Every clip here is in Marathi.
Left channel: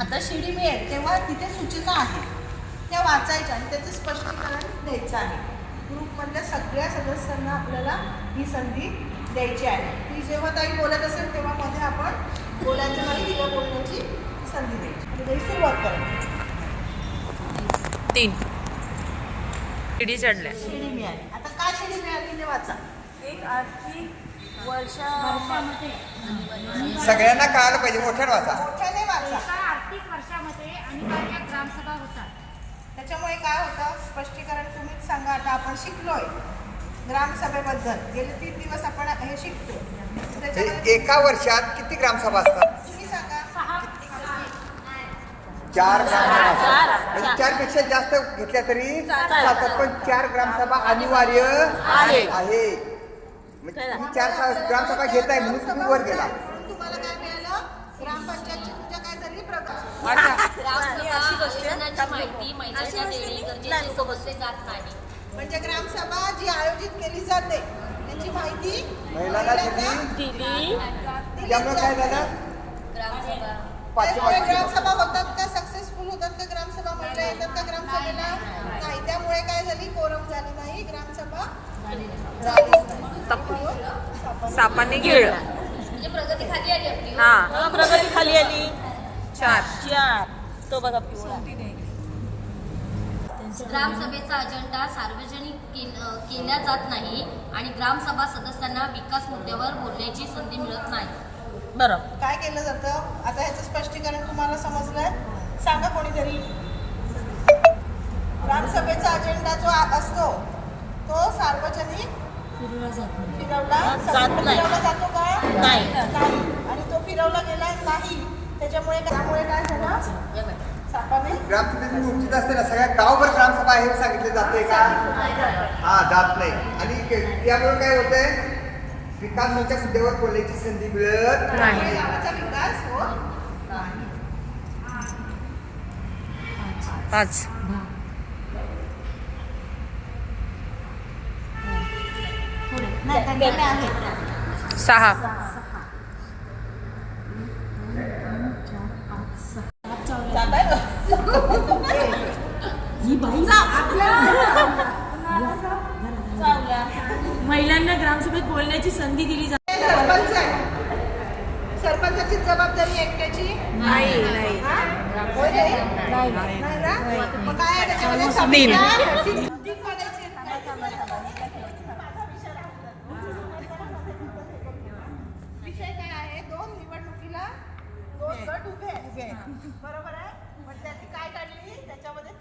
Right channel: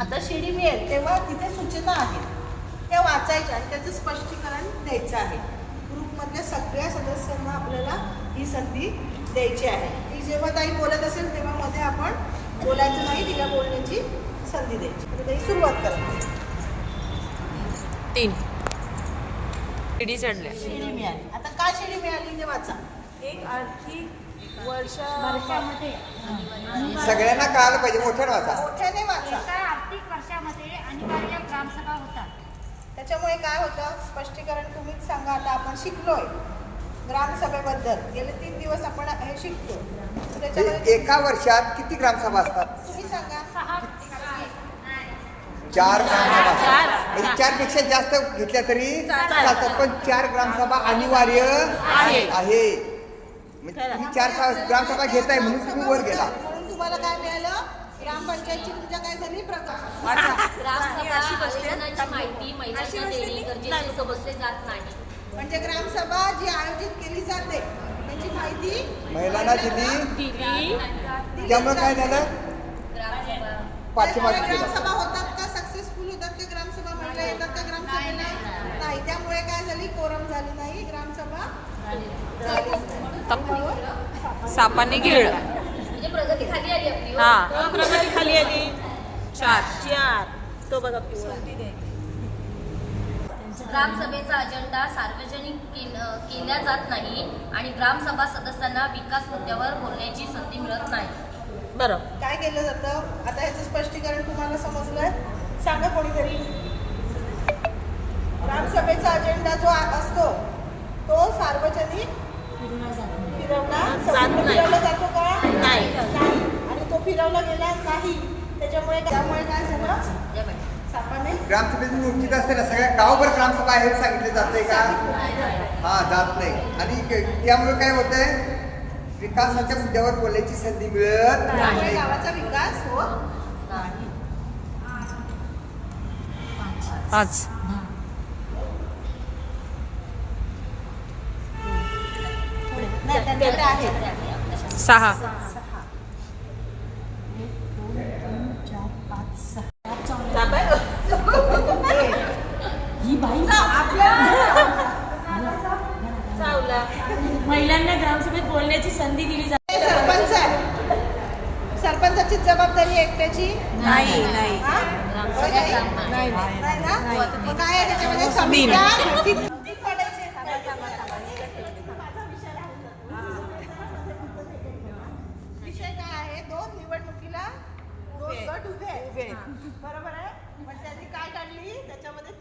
आता शिडी मिळेल तेव्हा तिथे सूचना आहेत त्या वाचायच्या आणि त्याचं स्पष्टीकरण द्यायचं आहे. ग्रुपमधल्या सगळ्या सदस्यांना आपल्याला ही संधी द्यायची आहे. ती जेव्हा ताई बोलत असेल तेव्हा मध्ये आपण बोलायचं नाही, तिला बोलण्याची संधी द्यायची. आणि तरी सुरुवात करायची. 3 शिडी चढल्या. शिडी मिळाली. आता का शिडी मिळाली ते वाचा. एक आर्थिक वर्षामध्ये सगळ्यांना कळालं पाहिजे. मोठ्याने वाचा. मोठ्याने वाचा. एका आर्थिक वर्षामध्ये अनिवार्य ग्रामसभा होतात. त्याच्यामुळे काय होतं स्पष्टीकरण तुम्हीच सांगा. आता आपण शिकलोय ग्रामसभेबद्दल, गेले 3 दिवस आपण हे शिकतो. त्याच्यामध्ये एका वर्षात किती ग्रामसभा असतात? तुम्ही सांगा. 4 ग्रामसभा असतात. म्हणजे 4 पेक्षा जास्त घेतल्या तरी चालतात, पण 4 ग्रामसभा अनिवार्य आहे. तुम्ही 4 ग्रामसभा घेताय म्हणून तुम्ही वर गेला. म्हणून तुम्हाला काय मिळालं? ग्रामपंचायतची पूजा काय झाली? माहिती महिलांना देणे गरजेचे समजले जात नाही. म्हणजे ग्रामसभा जी आयोजित केली जाते त्याची माहिती महिलांना दिली. त्यामुळे काय झालं? ग्रामसभा होतात का? सक्सेसफुल होतात का ग्रामसभा? महिला येतात का ग्रामसभेला? नाही. त्यामुळे काय झाली? कोरम झाली नाही, ग्रामसभा सापाने गिळलं. म्हणजे प्रगती खाली आली आपली. हा, प्रगती खाली आली. 4 तो बघा पिवळा. ग्रामसभेचा अजेंडा सार्वजनिक केला जात नाही आणि ग्रामसभा सदस्यांना विकास मुद्द्यावर बोलण्याची संधी मिळत नाही. बरोबर. काय केलं जातं? आता याचं स्पष्टीकरण तुम्हाला समजलंय? सांगा कोणीतरी. ग्रामसभेचा अजेंडा जो असतो तो सार्वजनिक फिरवला जातो का? नाही. आणि तो फिरवला गेला नाही. त्यामुळे काय झालं? सापाने ग्रामसभेची नियुक्ती असते ना, सगळ्या गावभर ग्रामसभा हे सांगितलं जाते का? हा, जात नाही. आणि त्यामुळे काय होतंय? विकासाच्या मुद्द्यावर बोलण्याची संधी मिळत नाही. गावाचा विकास होत नाही. 5 6 महिलांना ग्रामसभेत बोलण्याची संधी दिली जाते. सरपंच आहे. सरपंचाची जबाबदारी एकट्याची नाही नाही हा? नाही नाही ना? मग काय आहे त्याच्यामध्ये? समित्या किती पडायचे? विषय काय आहे? 2 निवडणुकीला 2 गट उभे आहेत. बरोबर आहे. पण त्यांनी काय काढली? त्याच्यामध्ये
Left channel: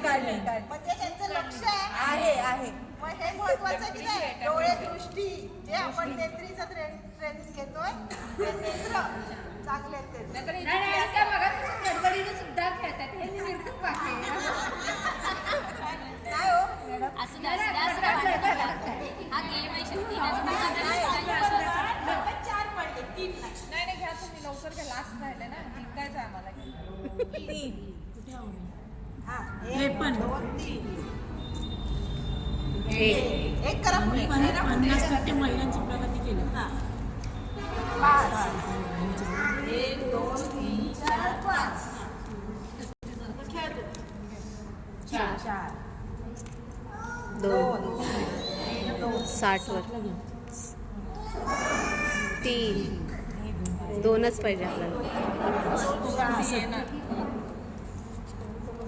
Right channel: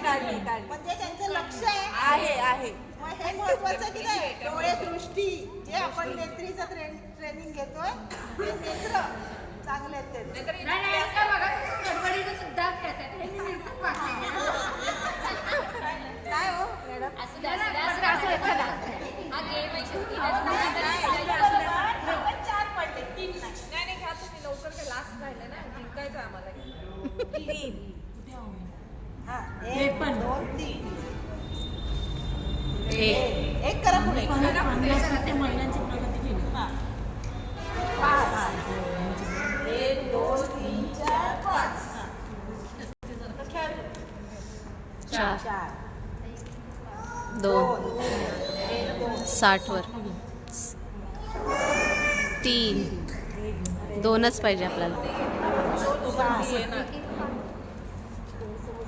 काढली. म्हणजे त्यांचं लक्ष आहे. मग हे महत्वाचं की नाही? डोळे दृष्टी जे आपण नेत्रीचं ट्रेनिंग घेतोय ते नेत्र चांगले आहेत ते. काय हो असं हा गेम आहे शेवटी. हे पण 2 3 1 एक करा पुढे. 50% महिलांची प्रगती केली. 1 2 3 4 5 4 2 60 वर 3 2च पाहिजे आपल्याला.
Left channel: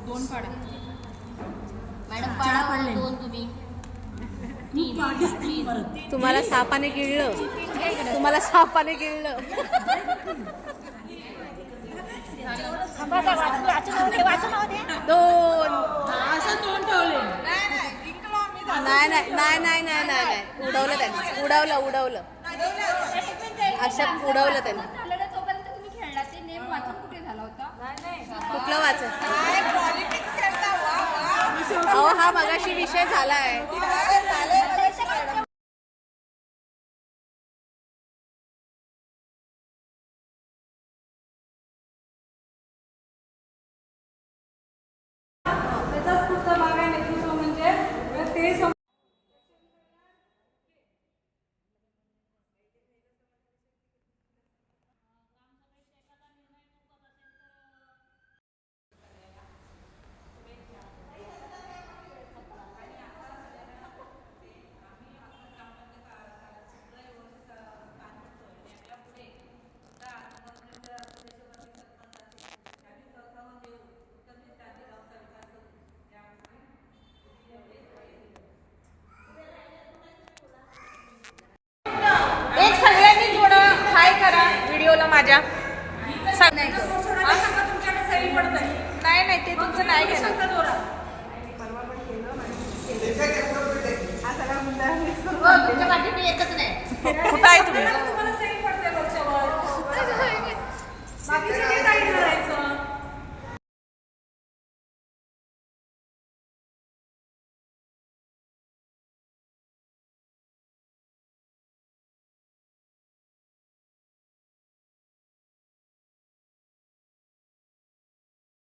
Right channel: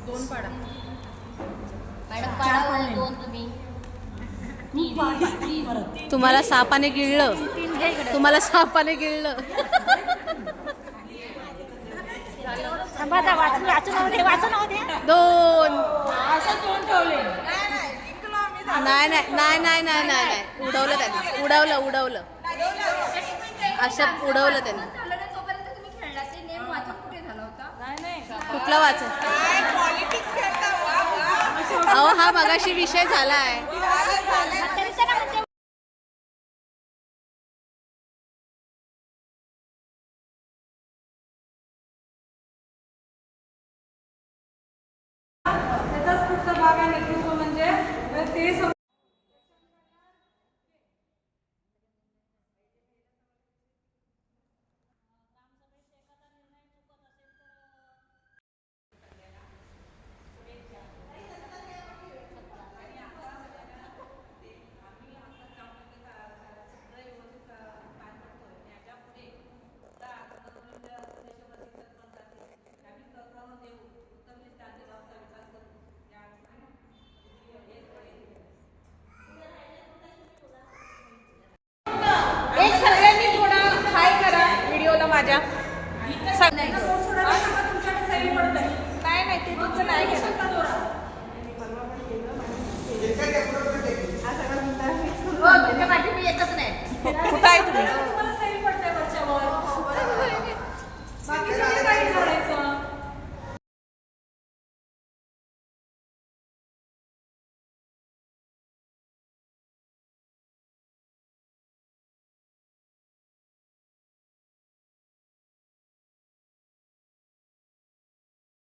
2 पाडा. मॅडम पाडा 2 तुम्ही. तुम्हाला सापाने गिळलं. 2 असं तोंड ठेवले. नाही. उडवलं त्यांनी. उडवलं असं उडवलं त्यांनी. तोपर्यंत तुम्ही खेळण्याचे नेम वाचून कुठे झाला होता? कुठलं वाचन? अहो हा मगाशी विषय झाला आहे. त्याचाच पुढचा भाग आहे नेतृत्व म्हणजे ते नाही त्यांना बोट सोडायला सांगा, तुमच्याकडे सही पडतंय. नाही ते तुमचं नाही घेणार. शंका दोरा. परवा पण केलं माझ्या हा सगळा मुद्दा तुमच्या पाठी मी येतच नाही कुठं आहे तुम्ही